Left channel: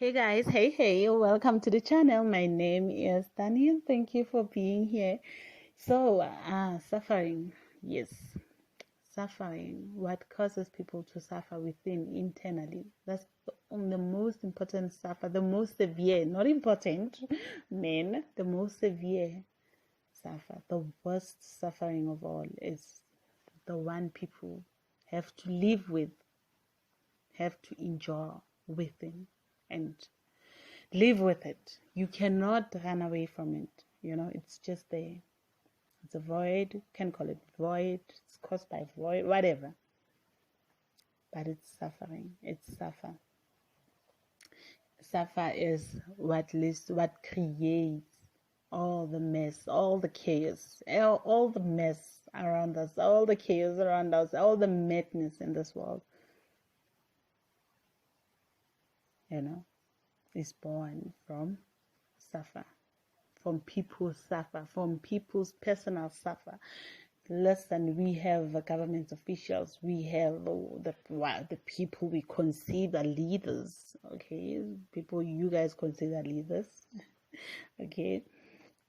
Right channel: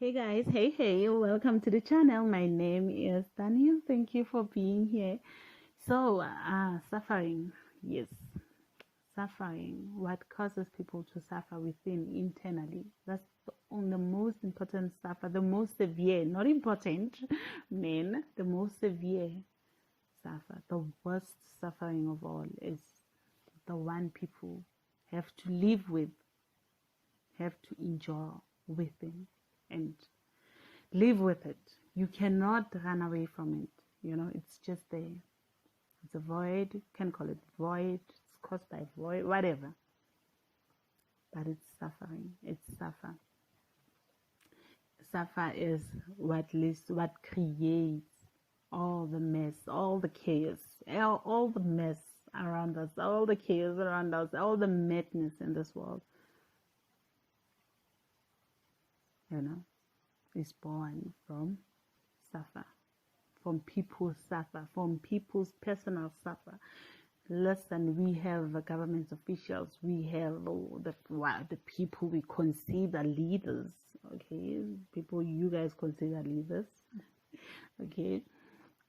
Hey guys, hey, welcome to the channel. My name is Daniel. Thank you for being here. Suffering. Yes, suffering. What causes people to suffer within internally? That's on the most important suffer, the most severe, not important, men, the most severe suffer. The worst suffering of all is the one people have to live with, have to endure within, and live with it. You cannot run away from it. It's just there. It's a void. You can call it void. It's caused by void, whatever. But it's suffering. It's suffer. Suffer is what creates all the mess, all the chaos, all the mess around us, all the chaos around us, all the madness in this world, you know, is born from suffer. From people's suffer, from people's personal suffer. Listen, we have government officials, we have the people we consider leaders, okay? People you guys consider leaders, okay?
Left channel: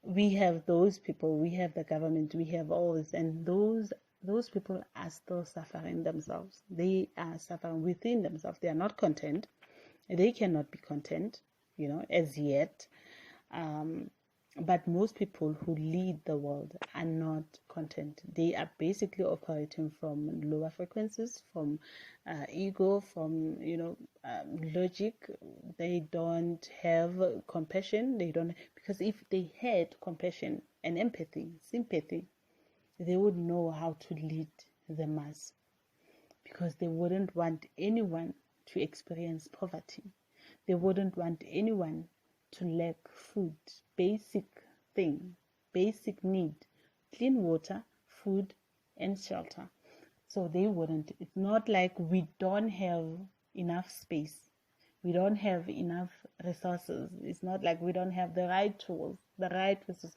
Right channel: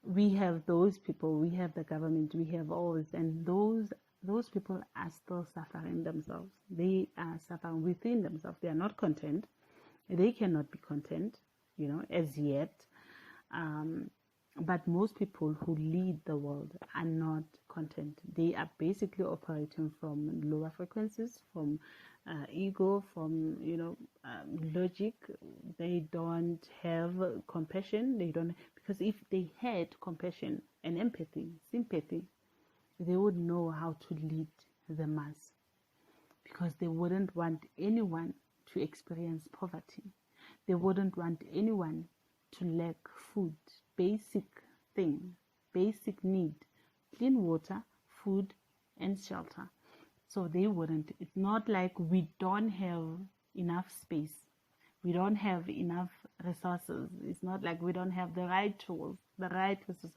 We have those people, we have the government, we have all this, and those people are still suffering themselves. They are suffering within themselves. They are not content. They cannot be content, as yet. But most people who lead the world are not content. They are basically operating from lower frequencies, from ego, from logic. They don't have compassion. They don't, because if they had compassion and empathy, sympathy, they would know how to lead the mass, because they wouldn't want anyone to experience poverty. They wouldn't want anyone to lack food, basic thing, basic need, clean water, food, and shelter. So they wouldn't. It's not like we don't have enough space. We don't have enough resources. It's not like we don't have the right tools, the right resources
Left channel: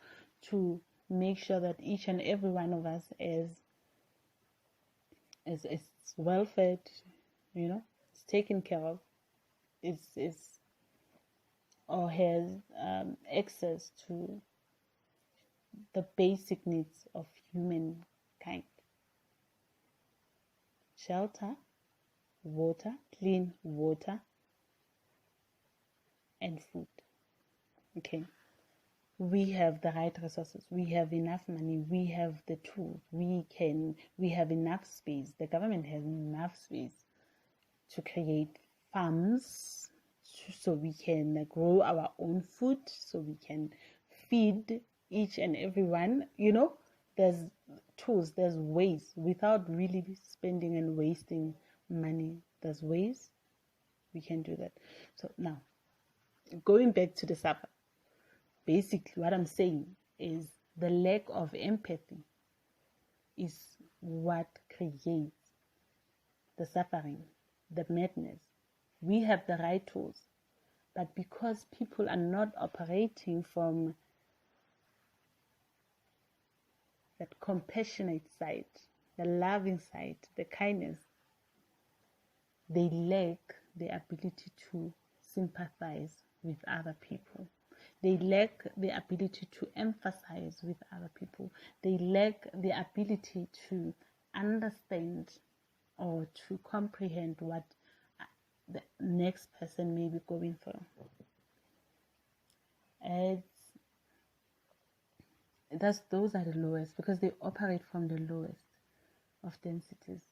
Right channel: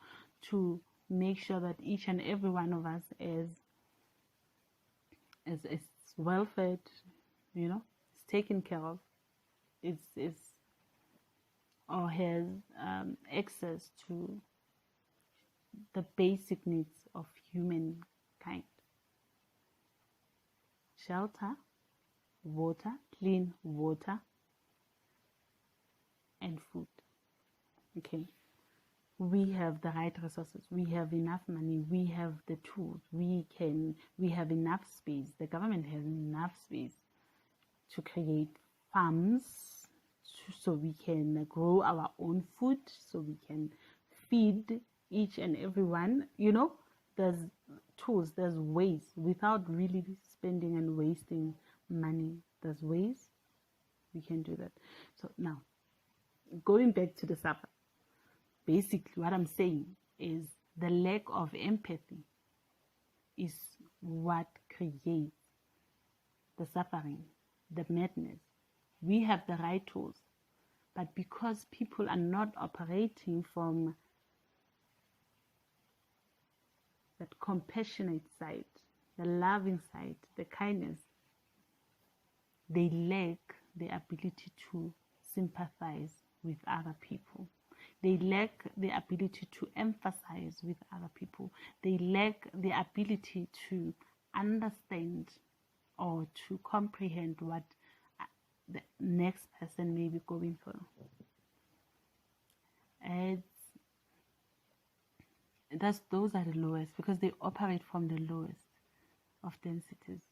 to make sure that each and every one of us is well fed, is taken care of, is or has access to the basic needs of humankind: shelter, water, clean water, and food. Okay, we have the right resources, we have enough money, we have the tools, we have enough space. The government has enough space to create farms, so we can grow our own food, so we can feed each and every one. There's tools, there's ways, without really spending and wasting money. There's ways we can do that. So now, going back to the supper, basically what I'm saying is the lack of empathy is what creates the suffering, the madness. We have the right tools, but because people are not operating from that compassionate side, the loving side, the kindness, they lack the ability to sympathize with other people. They lack the ability to emphasize with other people. They lack the ability to understand or to comprehend what the next person may be going through. Those are the lowest, because they operate from the lowest of densities.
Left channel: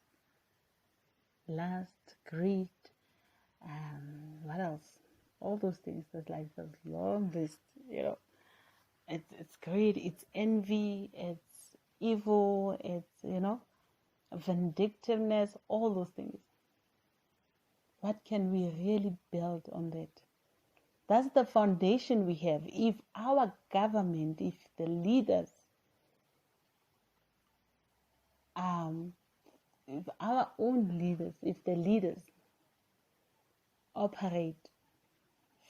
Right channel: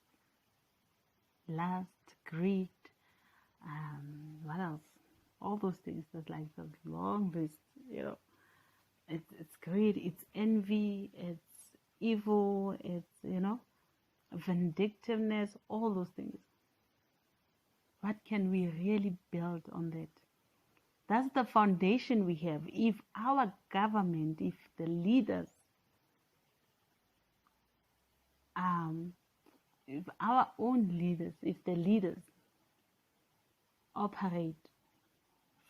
Lust, greed, what else? All those things. There's like this long list. It's greed, it's envy, it's evil, it's vindictiveness, all those things. What can we really build on that? That's the foundation we have. If our government, if the leaders, if our own leaders, if the leaders operate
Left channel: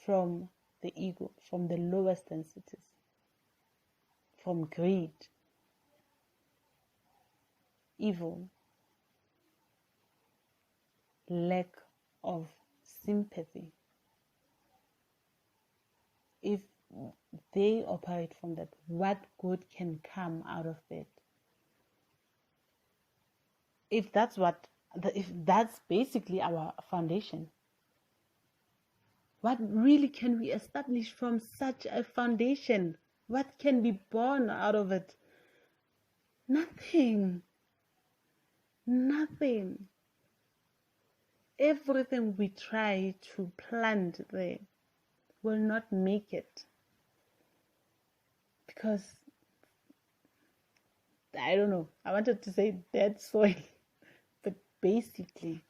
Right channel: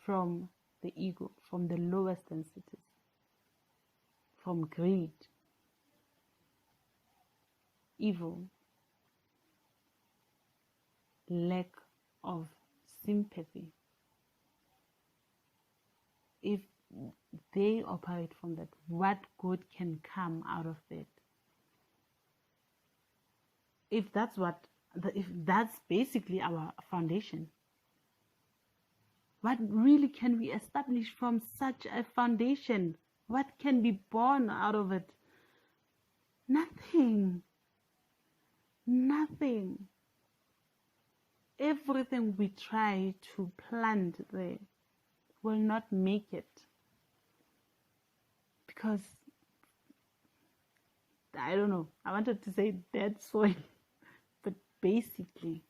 from the ego, from the lowest densities, from greed, evil, lack of sympathy, they operate from that. What good can come out of that? If that's basically our foundation, what really can we establish from such a foundation? What can be born out of it? Nothing. Nothing. Everything we try to plant there will not make it, because I don't know, I wanted to say dead soil, but basically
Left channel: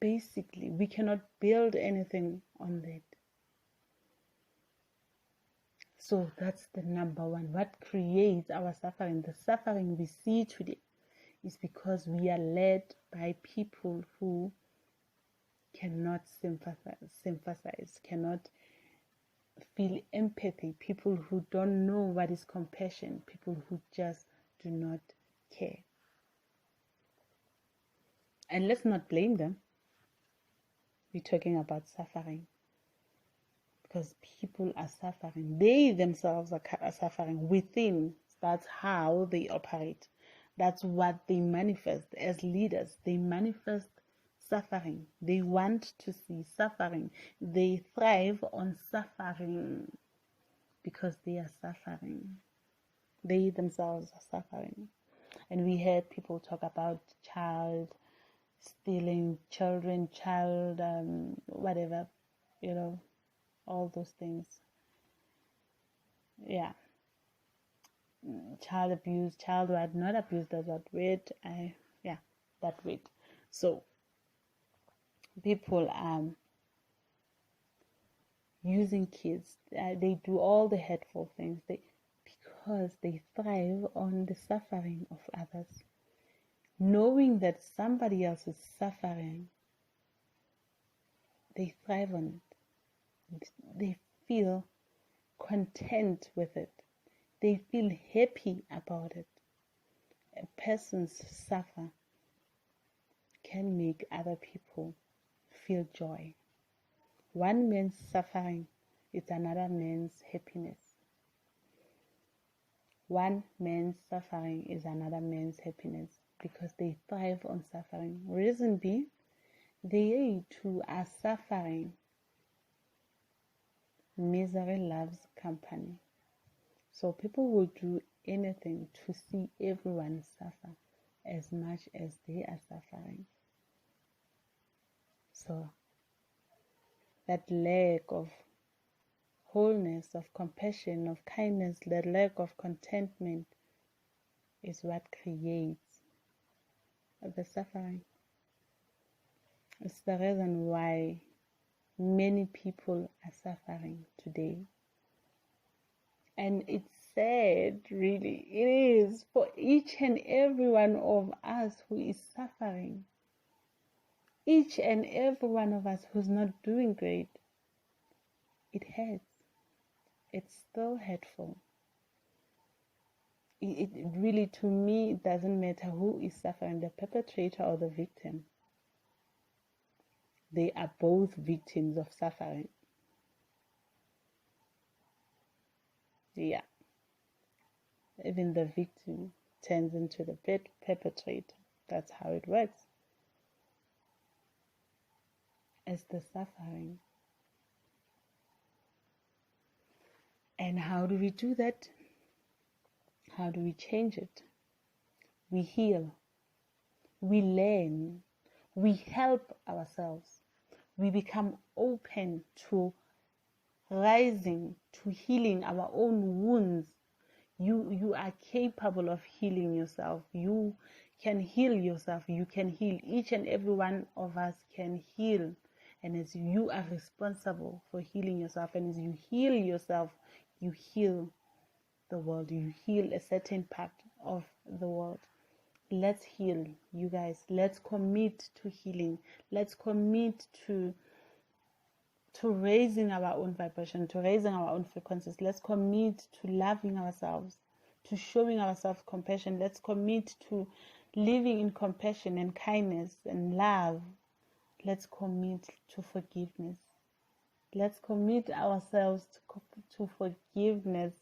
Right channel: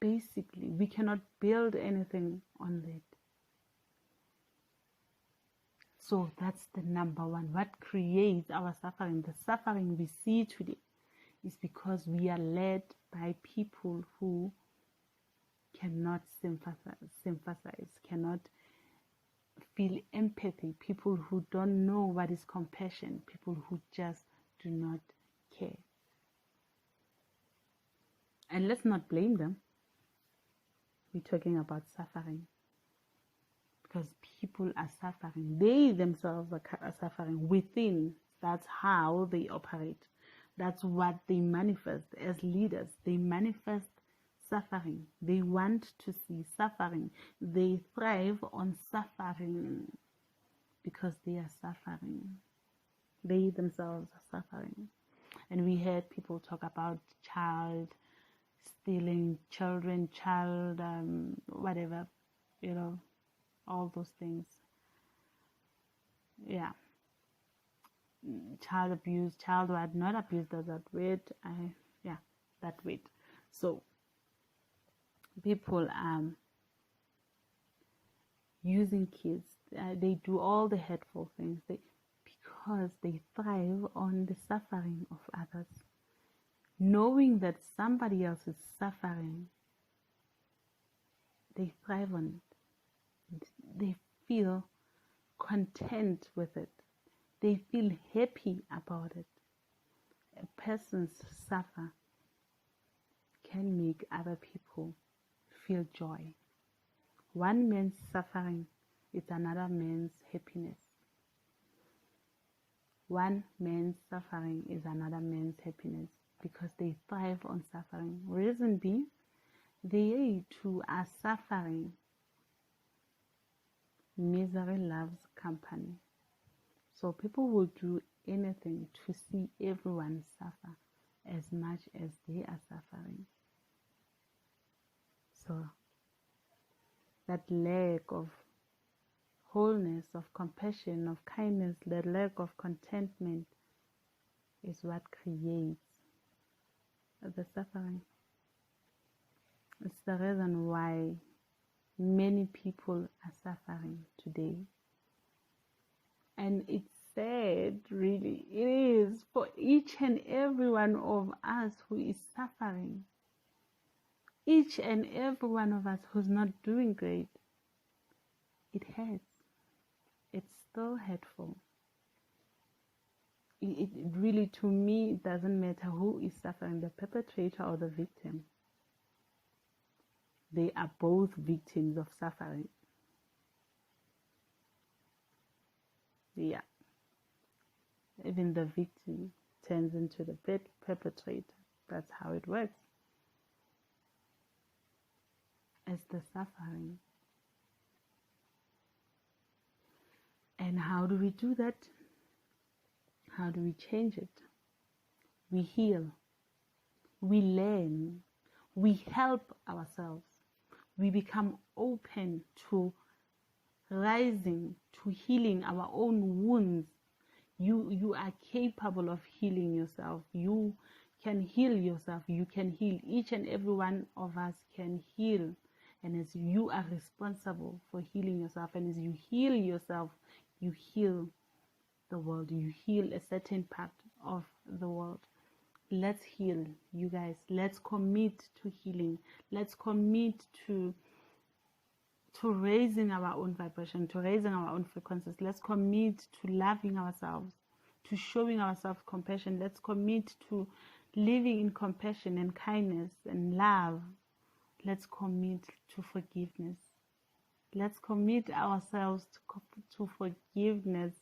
we cannot build anything on that. So that's the number one. What creates our suffering? The suffering we see today is because we are led by people who cannot sympathize, cannot feel empathy, people who don't know what is compassion, people who just do not care. And let's not blame them. We're talking about suffering, because people are suffering. They themselves are suffering within. That's how they operate. That's what they manifest as leaders. They manifest suffering. They want to see suffering. They thrive on suffering because they are suffering. They themselves are suffering. And we heard people talk about child stealing, children, whatever, all those things. Yeah. Child abuse, child what, not abuse, does that word. That word. So people using kids, they do all the hurtful things because they thrive on the suffering of others. Knowing that somebody else is suffering, they thrive on it. They feel content with it. They feel happy about it. A person's suffer can make other people feel joy. One man's suffering is another man's happiness. One man's suffering is another man's happiness, because they thrive on suffering. Reason being, they too are suffering. Misery loves company. So people will do anything to see everyone suffer as much as they are suffering. So that lack of wholeness, of compassion, of kindness, that lack of contentment is what creates the suffering. It's the reason why many people are suffering today. And it's sad, really. It is, for each and every one of us who is suffering. Each and every one of us who's not doing great. It hurts. It's still hurtful. It really, to me, it doesn't matter who is suffering, the perpetrator or the victim. They are both victims of suffering. Yeah. Even the victim turns into the perpetrator. That's how it works. It's the suffering. And how do we do that? How do we change it? We heal. We learn. We help ourselves. We become open to rising, to healing our own wounds. You are capable of healing yourself. You can heal yourself. You can heal. Each and every one of us can heal. And as you are responsible for healing yourself, and as you heal yourself, you heal the world. You heal a certain part of the world. Let's heal, you guys. Let's commit to healing. Let's commit to raising our own vibration, to raising our own frequencies. Let's commit to loving ourselves, to showing ourselves compassion. Let's commit to living in compassion and kindness and love. Let's commit to forgiveness. Let's commit ourselves to forgiveness,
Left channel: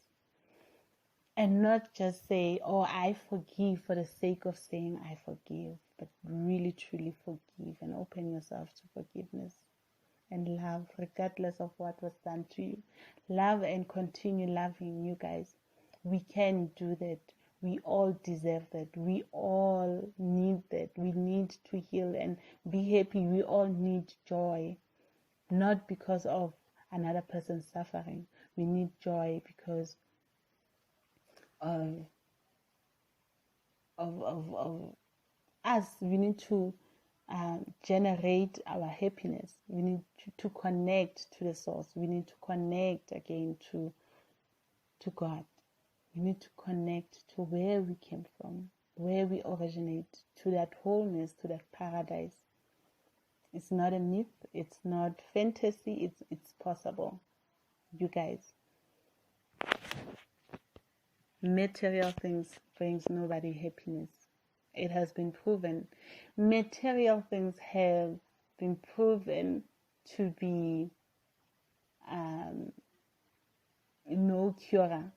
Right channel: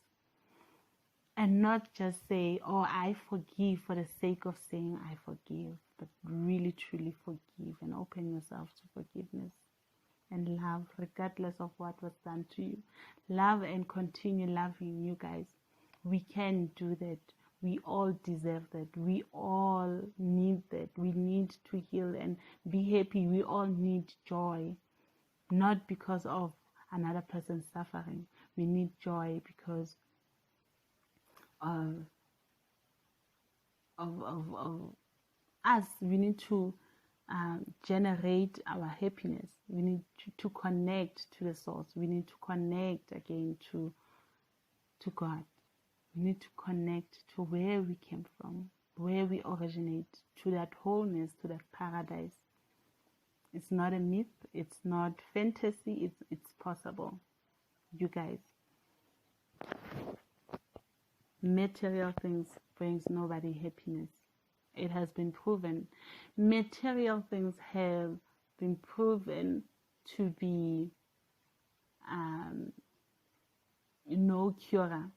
and not just say, oh, I forgive for the sake of saying I forgive, but really truly forgive and open yourself to forgiveness and love, regardless of what was done to you. Love and continue loving, you guys. We can do that. We all deserve that. We all need that. We need to heal and be happy. We all need joy, not because of another person's suffering. We need joy because of of us. We need to generate our happiness. We need to connect to the source. We need to connect again to God. We need to connect to where we came from, where we originate, to that wholeness, to that paradise. It's not a myth. It's not fantasy. It's possible. You guys, material things brings nobody happiness. It has been proven. Material things have been proven to be no cure,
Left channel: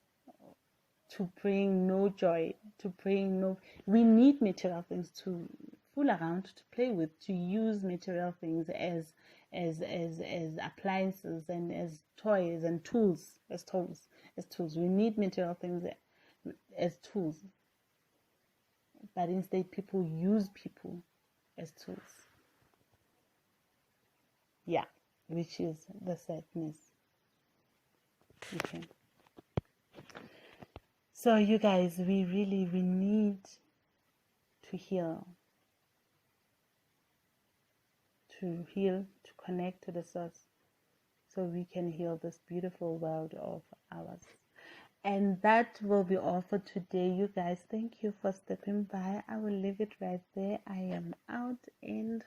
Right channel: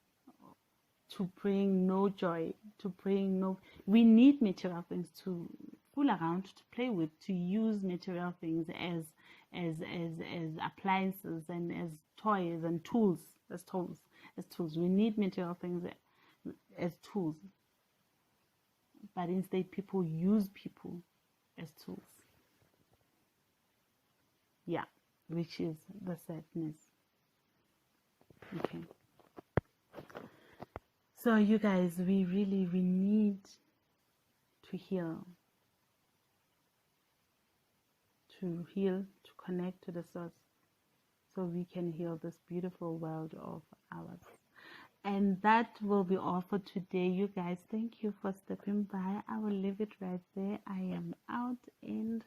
to bring no joy, to bring no. We need material things to fool around, to play with, to use material things as appliances and as toys and tools, as tools. We need material things as tools, but instead people use people as tools. Yeah, which is the sadness. Okay. So you guys, we need to heal, to connect to the source, so we can heal this beautiful world of ours. And that will be all for today, you guys. Thank you for stepping by. I will leave it right there. I am out, and